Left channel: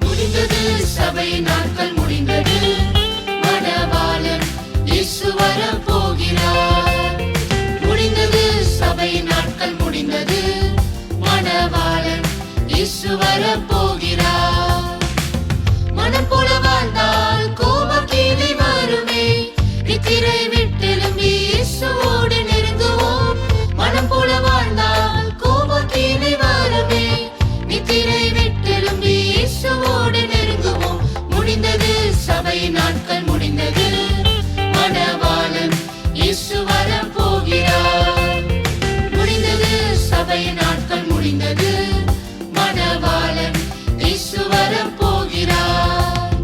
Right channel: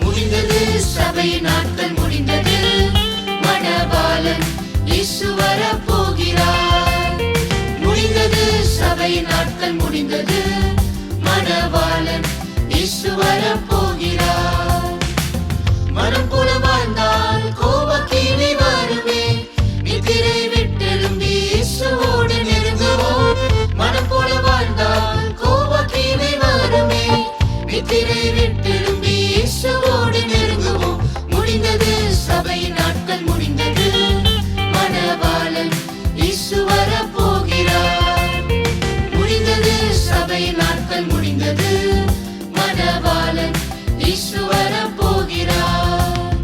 முடிந்தது சபையின் நாட்கள் முடிந்தது, மணவாளன் இயேசு வரப் போகிறார். முடிந்தது சபையின் நாட்கள் முடிந்தது, மணவாளன் இயேசு வரப் போகிறார். மனம் போல வாழ்ந்தால் கோபக்கீழே வருமே, நித்திரை விட்டெழும்பி இயேசுவோடு நெருங்குவோம். மனம் போல வாழ்ந்தால் கோபக்கீழே வருமே, நித்திரை விட்டெழும்பி இயேசுவோடு நெருங்குவோம். முடிந்தது சபையின் நாட்கள் முடிந்தது, மணவாளன் இயேசு வரப் போகிறார். முடிந்தது சபையின் நாட்கள் முடிந்தது, மணவாளன் இயேசு வரப் போகிறார்.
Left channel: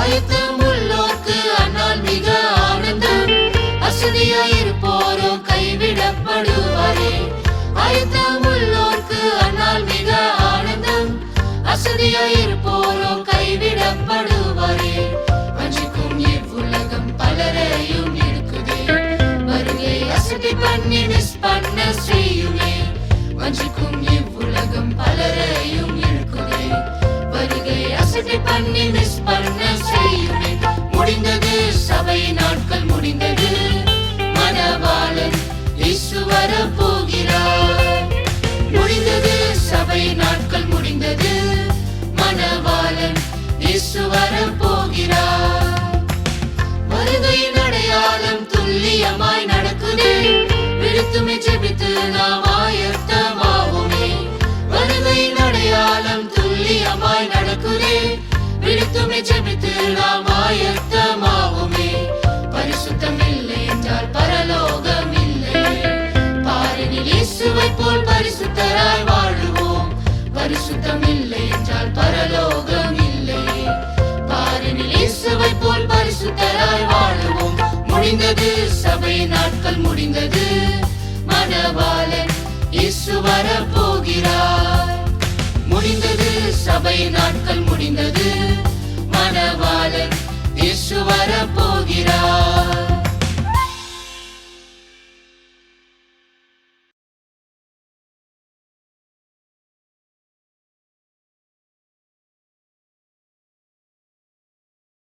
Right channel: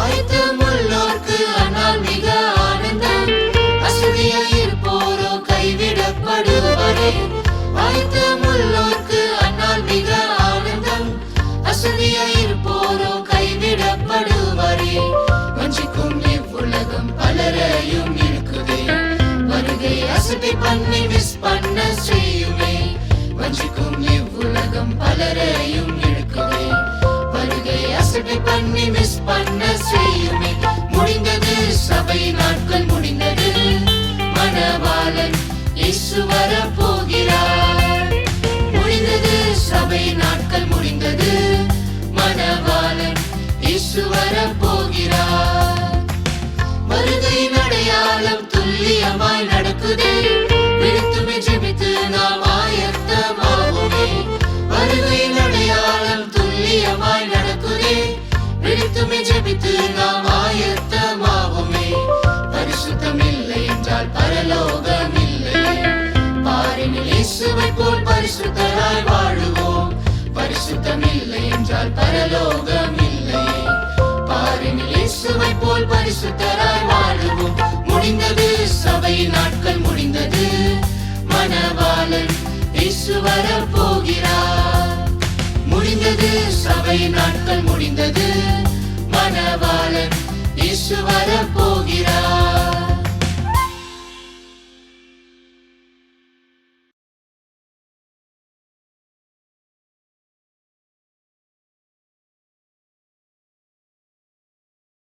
ஆயத்தமுள்ளோர்க்கு அந்நாள் மிக ஆனந்தம், அசதியாயிருப்போரோ கைவிடப்படுவாரே. ஆயத்தமுள்ளோர்க்கு அந்நாள் மிக ஆனந்தம், அசதியாய்